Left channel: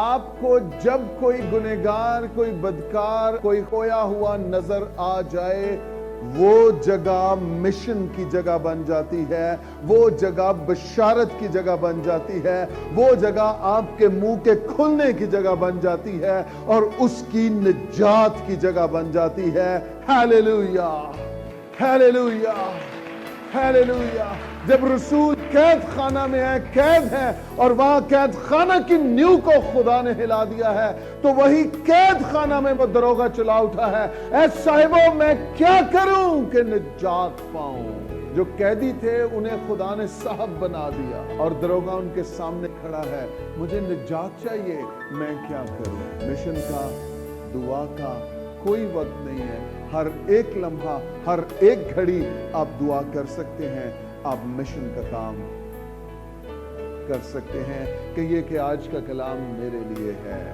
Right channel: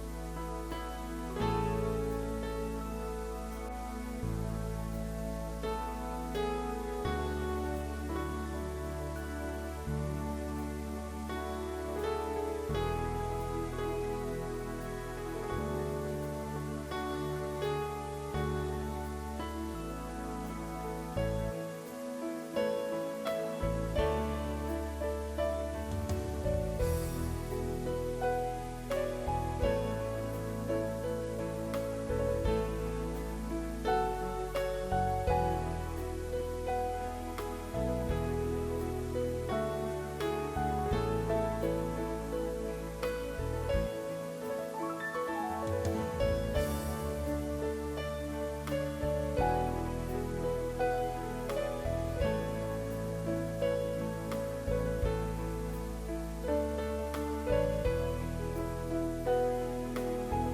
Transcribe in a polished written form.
آپ کو جب کوئی گنہگار، کوئی بدکار، کوئی کھویا ہوا نظر آ جائے، وہ جگہ مشن کی جگہ بن جاتی ہے، وہ جگہ بشارت کی جگہ بن جاتی ہے، وہ جگہ آپ کے منہ کے کھلنے کی جگہ بن جاتی ہے اور اس کی نجات کی جگہ بن جاتی ہے۔ Hallelujah, hallelujah, hallelujah. جب رسول قید خانہ میں ہے، قید ہے، اور وہاں قید خانہ کی نیو کو خدا نے ہلا دیا ہے، تو وہی قید خانہ میں وہ دروغہ چلا اٹھا ہے، اے صاحبوں میں کیا کروں کہ نجات پاؤں۔ جو قیدی تھے انہیں خدا نے صاحب بنا دیا، اور دروغہ ان کے سامنے کھڑا ہے، مجھے نجات چاہیے، میں کیا کروں؟ مشن کا، دعا کا کوئی وقت نہیں ہے۔ ہر ایک لمحہ، ہر ایک گھڑی آپ دعا کر سکتے ہیں، آپ مشن کا کام کر سکتے ہیں کہ یہ کہ آج کا کلام میرے لیے ہے۔